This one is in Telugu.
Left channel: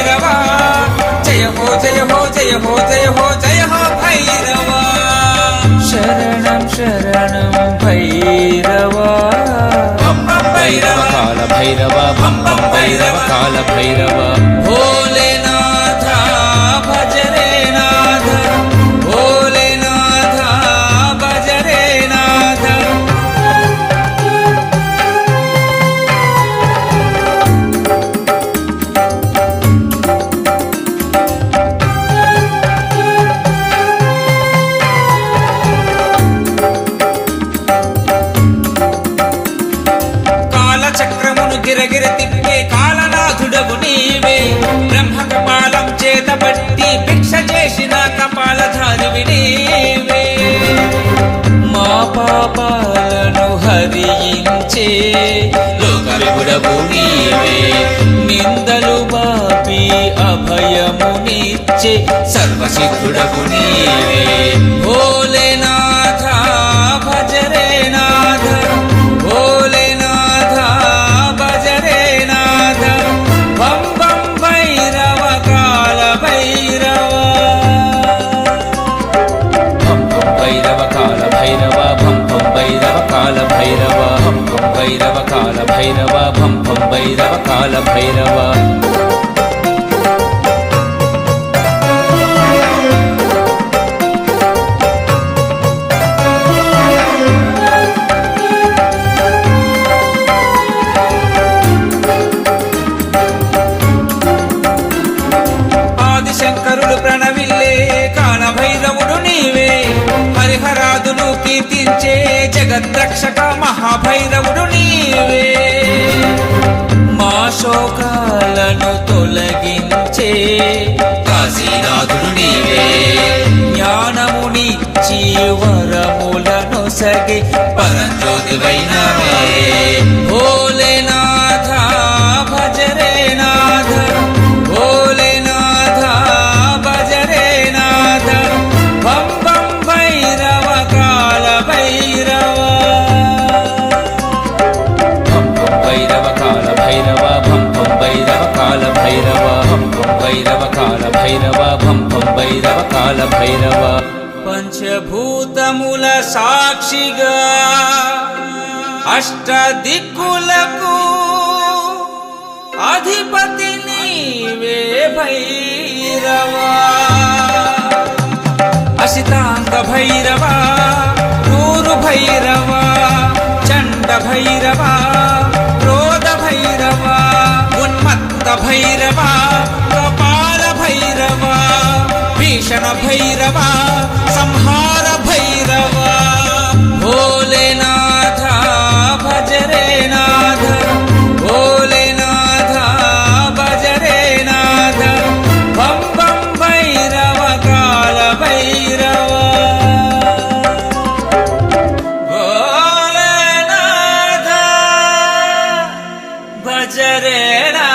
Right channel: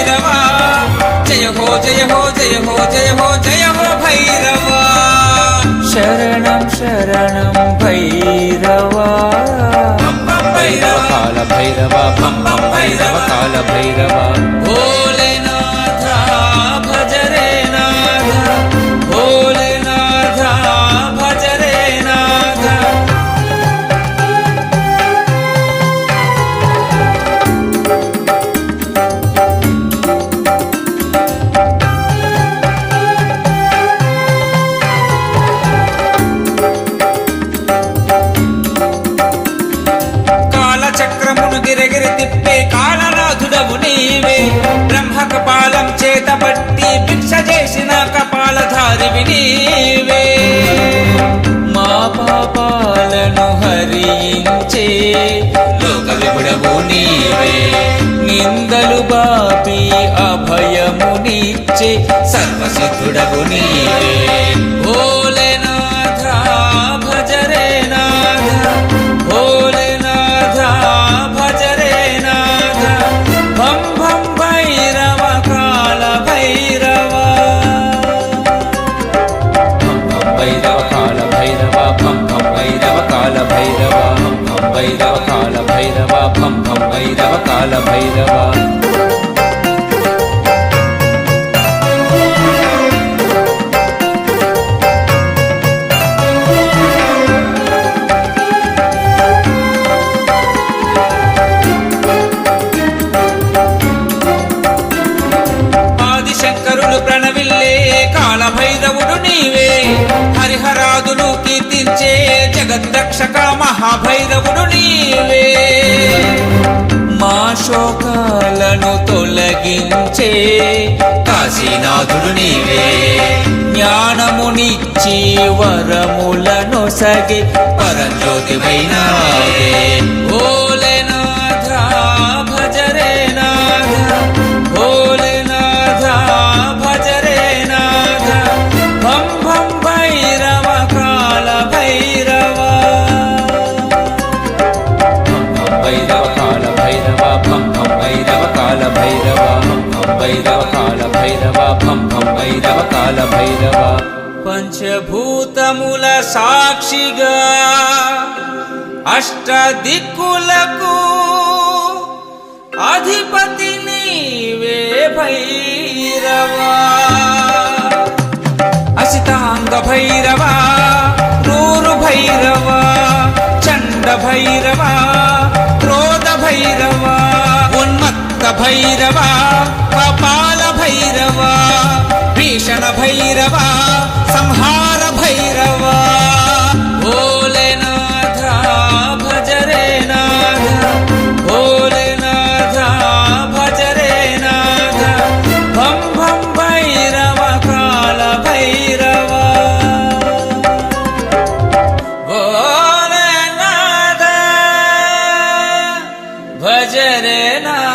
భైరవా జయ భో జయ భో జయ భో పరిశుద్ధుడవు నీవే பரஞ்சோதி வைணவே. పంచభూతముల సాక్షిగా అష్టదిక్కులకు అధిపతి నీవే భైరవా. Yeah.